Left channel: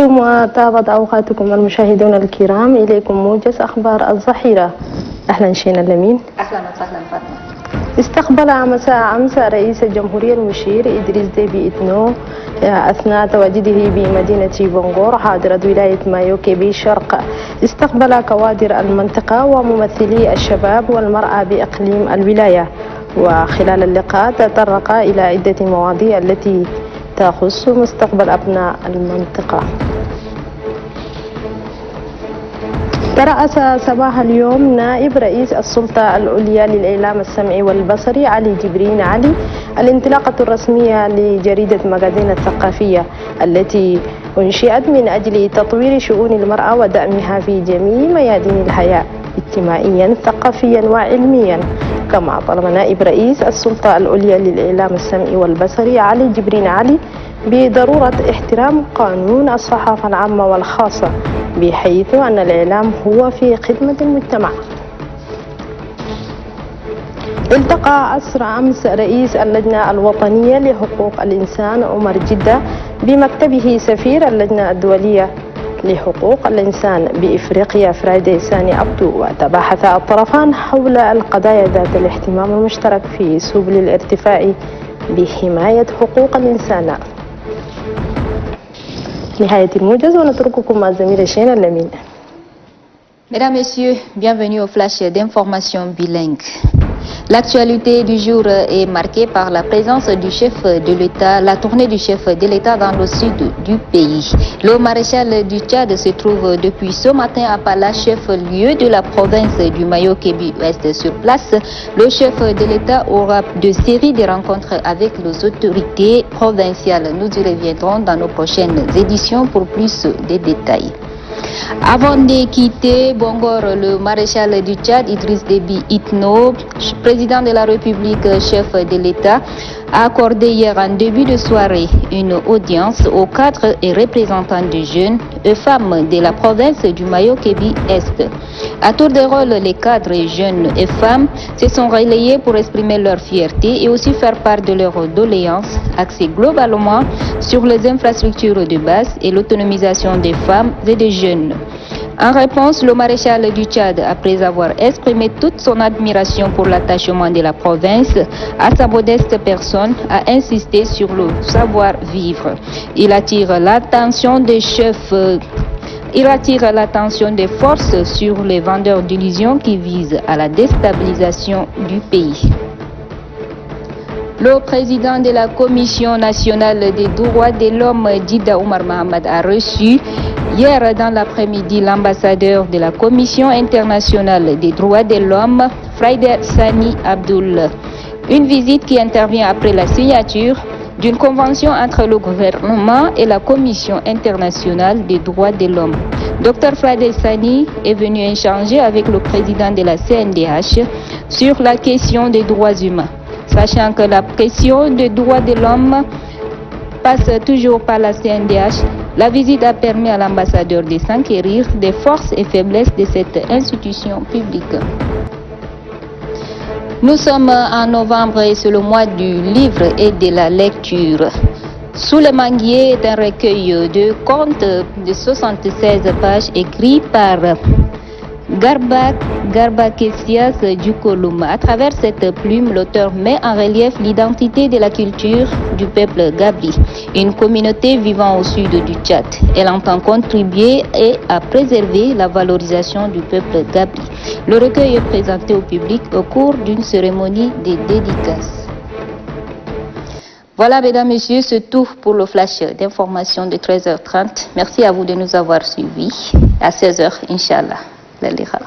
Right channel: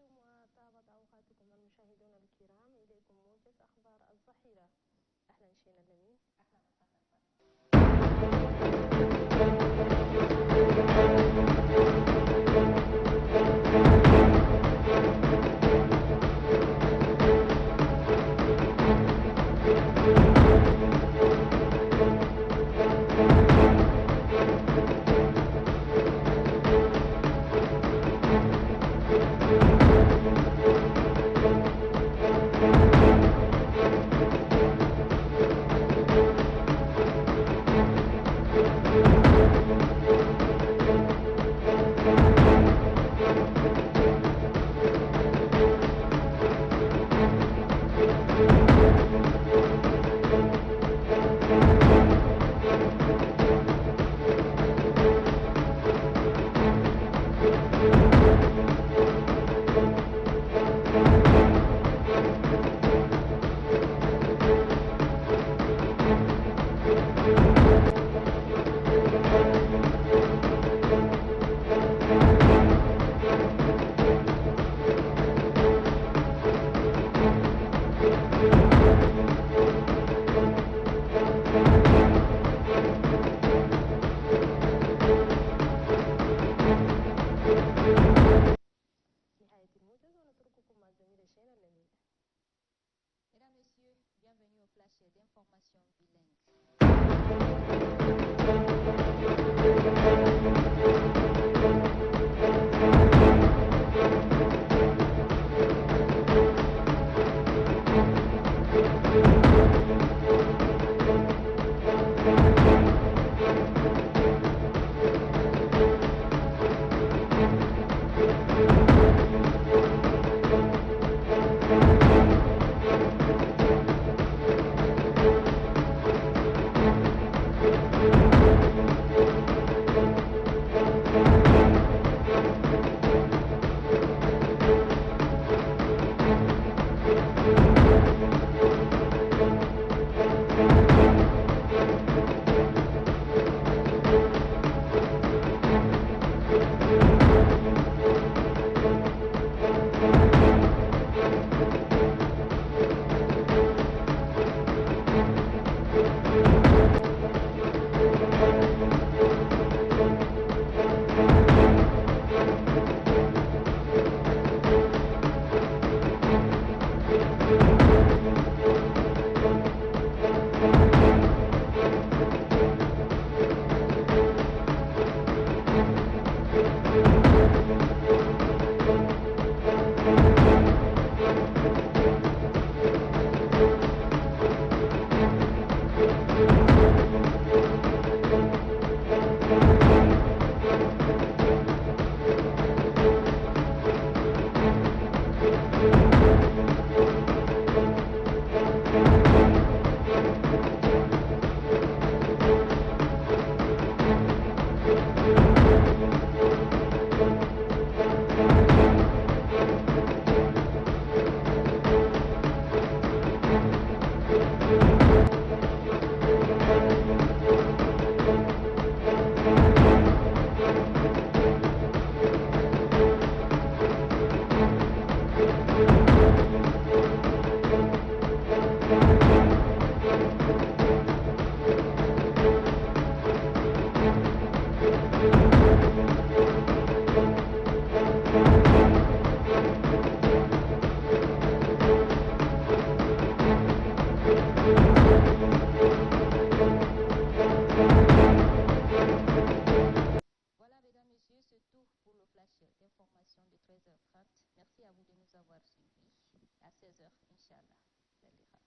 طبتم وطابت أوقاتكم المشاهدون الكرام. إليكم موجز أخبار الظهيرة. أهلا شينا لمين. أهلا وسهلا فاطمة. استقبل مساء أمس رئيس الجمهورية المشير إدريس ديبي إتنو أثناء تواجده بمدينة بونغور حاضرة ولاية مايوكي شرق. استقبل كوادر المنطقة وممثلي الشباب والمرأة بإقليم الولاية. وخلال اللقاء تطرق إلى عدة مواضيع التي تخص مستقبل أبناء المنطقة. ترأس صباح اليوم نائب رئيس السلطة العليا للإعلام السمعي والبصري علي جبرين علي الانطلاقة الرسمية لجريدة مجازين الثقافية التي أنشئت من أجل تطوير شؤون المرأة ودعمها في جميع ميادين الحياة اجتماعيا ثقافيا وعلميا. كما طلب نائب رئيس السلطة العليا للإعلام السمعي والبصري علي جبرين علي بضرورة احترام قانون الصحافة العامة والخاصة بحيث أن الإعلام هو في خدمة المجتمع. التقى أسرع أمس رئيس اللجنة الوطنية لحقوق الإنسان عمر جدة بمكتبه سفير اللجنة الدولية لحقوق الإنسان بإفريقيا فرايدي ساني عبدو. وتباحث الطرفان حول القضايا ذات الاهتمام المشترك في سبل الارتفاع بحماية حقوق الإنسان. نهاية الموجز ونترككم مع زميل شينا لمين. Mesdames, Messieurs, bienvenue au flash d'information bilingue. L'actualité du jour est marquée par la présence du chef de l'État, la tournée du chef de l'État dans le sud du pays. Le maréchal du Tchad se trouve depuis ce matin à Pala, chef-lieu de la province du Mayo-Kébi-Ouest. Sur place, le chef de l'État aura de séries de rencontres avec les autorités provinciales. Nous y reviendrons dans nos prochaines éditions pour plus de détails. Avant de quitter Bongor, le maréchal du Tchad, Idriss Déby Itno, président de la République, chef de l'État, a accordé hier en début de soirée une audience aux cadres et représentants des jeunes et femmes de la province du Mayo-Kébi-Est. À tour de rôle, les cadres, jeunes et femmes se sont relayés pour exprimer leur fierté et aussi faire part de leurs doléances axées globalement sur les infrastructures de base et l'autonomisation des femmes et des jeunes. En réponse, le maréchal du Tchad, après avoir exprimé toute son admiration pour l'attachement de la province à sa modeste personne, a insisté sur le savoir-vivre. Il attire l'attention des chefs. Il attire l'attention des forces sur les vendeurs d'illusions qui visent à la déstabilisation du pays. Le président de la Commission nationale des droits de l'homme, Dida Oumar Mohamed, a reçu hier dans l'après-midi l'ambassadeur de la Commission internationale des droits de l'homme, Friday Sani Abdul. Une visite qui intervient après la signature d'une convention entre le gouvernement et la Commission internationale des droits de l'homme. Dr Friday Sani est venu échanger avec le président de la CNDH sur la question des droits humains. Sachant que la question des droits de l'homme passe toujours par la CNDH, la visite a permis à l'ambassadeur de s'enquérir des forces et faiblesses de cette institution publique. Nous sommes en novembre et c'est le mois du livre et de la lecture. Sous le manguier d'un recueil de contes de 76 pages écrits par Garba Kessias Djukolum. À travers cette plume, l'auteur met en relief l'identité de la culture du peuple Gabi, une communauté vivant au sud du Tchad. Elle entend contribuer à préserver la valorisation du peuple Gabi. Le recueil est présenté au public au cours d'une cérémonie de dédicace. Voilà, mesdames, messieurs, c'est tout pour le flash d'information de 13h30. Merci à vous de nous avoir suivis. À 16h, Inch'Allah. للقاء.